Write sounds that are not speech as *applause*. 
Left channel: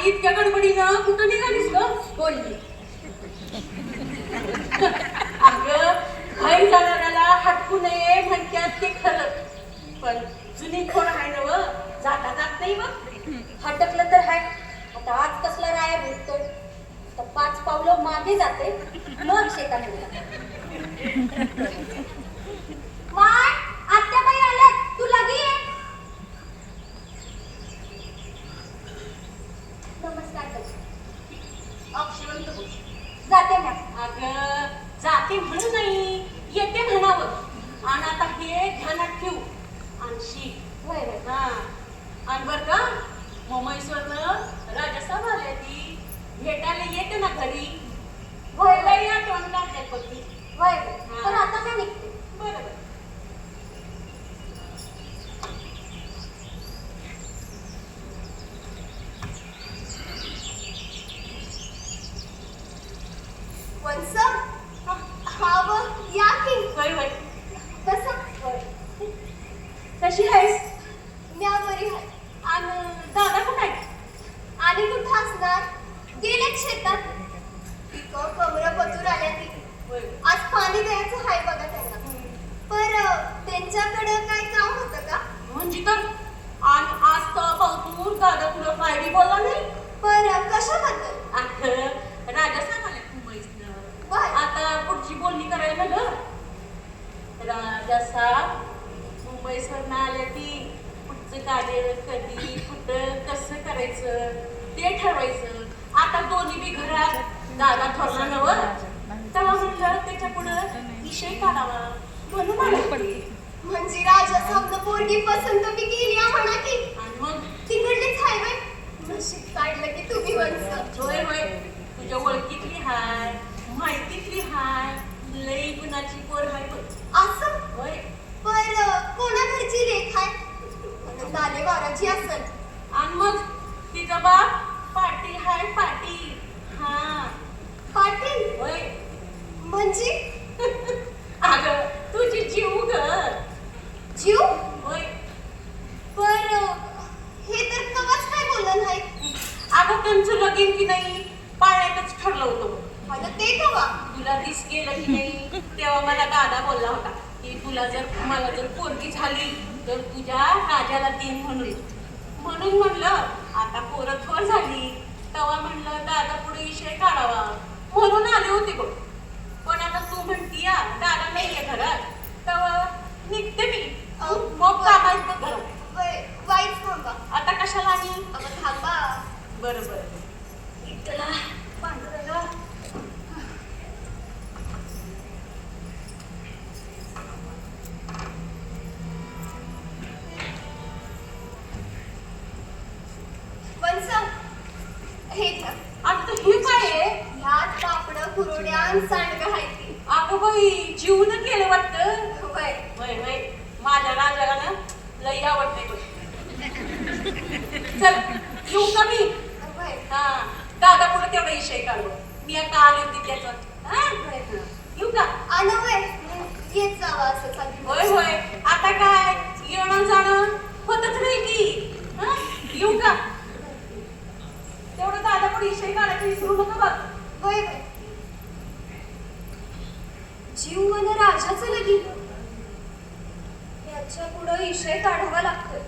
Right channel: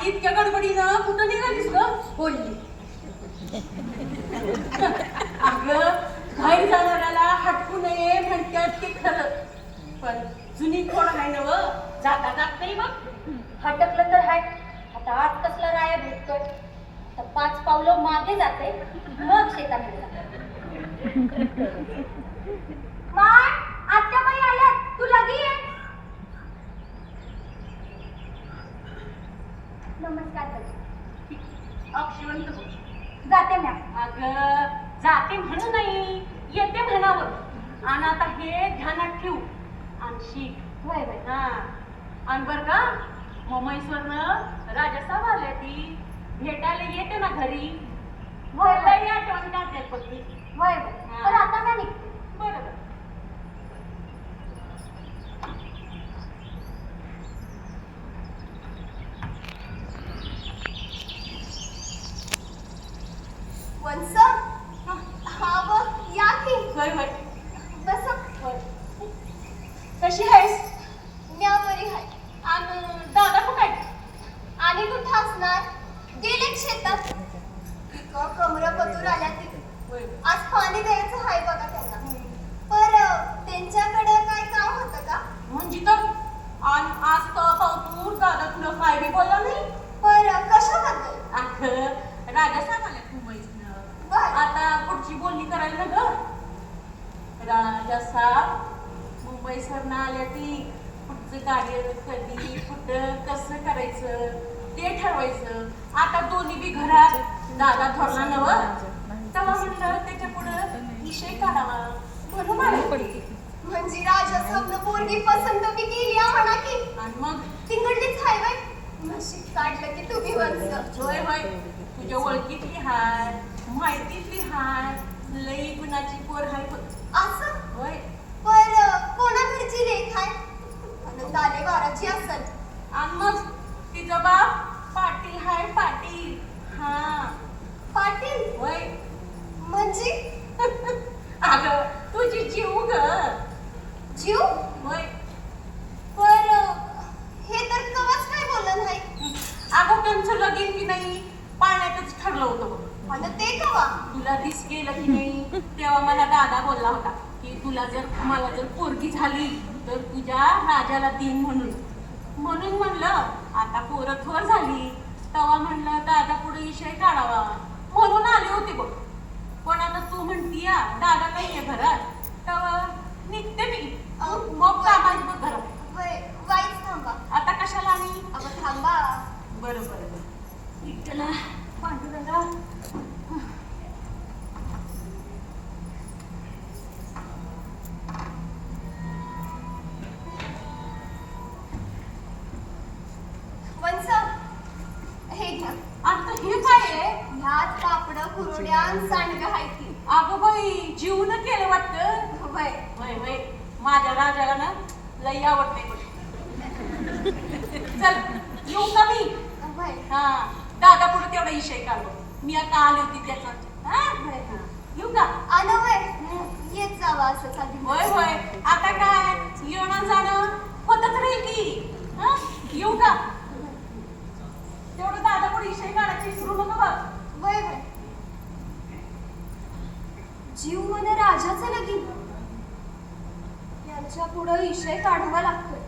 आणि इतक्या गडबडीनं कुठं निघालीस ग बोलली अगं बाहेर जाणाऱ्याला हटकू नये म्हणतात ते खरं. पण जुनी खोड आहे ना व जाता जात नाही मग हटकलं तर हाय. आता आज कसला राया भेटतोय तर पाच पावलं मागे जाते. मग शेतात माय आत्याबाई आल्यात तू लगी ये नमस्कार ताई. अक्षरंत बोल. जाते मॅम. अगं जाते म्हणू नाही. येते म्हणावं. आणि आता हे ध्यानात ठेवू. आणि शिक. वय वय हा. आणि बर का मुंबईसवरनं राजस्थान आले ती. भेटायला येते ना घरी. वय वय आठवण काढते पती. वय वय तर आता काय निघते बरोबर वंस हा व या की? वय वय बस. कशी आहेस? म्या बरी हाय आणि दादा कुठे आहे? आणि कुठं असणार? गेले शेतात पिकं कमरं बदून आल्या ती वय आज पाणी द्यायचं हाय बघा त्यांना पर त्यांच्याकडं काय काम होतं का म्हणजे तर आज आज तर पावतूर दादा तुला काय बी बोलला नाही पर कशाबद्दल अगं राजस्थान आल्या मुंबईत बर. आता पुढची बोलणी करायला ग मुंबई सरनं आल्या ती पुढचं कार्य कधी कुठं कसं करायचं ते ठरवायचं. आता दोन्ही बी घरात दादा ठरला नव तेव्हा म्हटलं त्याच्या पुढं विषय काढावा. म्हणून आले. म्हणजे राजा साहेबनं पोरगी पसंत बी केली म्हणा की. आणि मग? तिकडलीच हाय बाई. नशीब काढलं की तुम्ही वंस होय होय. तुझ्या ओळखीतली हाय माहितीतली हाय लई गुणाची पोर हाय. असं होय पर कोणा घरची लेख दादे बाराची असल. आणि मग तिचा बाप पाटील हाय पाटील. हा. पाटील? होय. म्हणजे? *laughs* अगं तुझी जीव ग. जीव? होय. पर हे तर कवच काय बोललं नाही? अगं त्यांचं लगीन की नाही पाण्यातच ठरलं होतं. पण ते कवा? तुला दिस गेलं की नाही. तेव्हा मला दादा बोलला होता. की तुला जर मला जर पोरगी झाली तर तुझ्या राजाला दिन म्हणून. म्हणून म्हणलं आता पोरं थोर झाली. तेव्हा म्हणलं दादा पुढे विषय काढावा. म्हणून आले होते बघ. पण आता तू म्हणती या दादा नाहीये घरात. तेव्हा निघते मी. मग कामात बघ घरात. वाईच थांबा. आता कशाला आणि अगं थांबा. बरं बरं इथला हे काय आहे? ह्यात पापड कुरड्या आणि सांडगं आहे ती अगं बाई जीवन केलं वाटतं. वय वय वय. माझ्या राजाला ना लई आवडते. चल येऊ का मी? वय हा. दादा पुढे तेवढा विषय काढू. मी आता आले होते त्याच्यात हा? वय येऊ का? आलं वय येत जावं असं चालू. होय होय. आता काय? येणं जाणं होतच नाही की. हा? येऊ का? विषय काढायला विसरू नको बघ जीव मन राजाच लगी याच्या पुढं विषय काढावा लागतोय.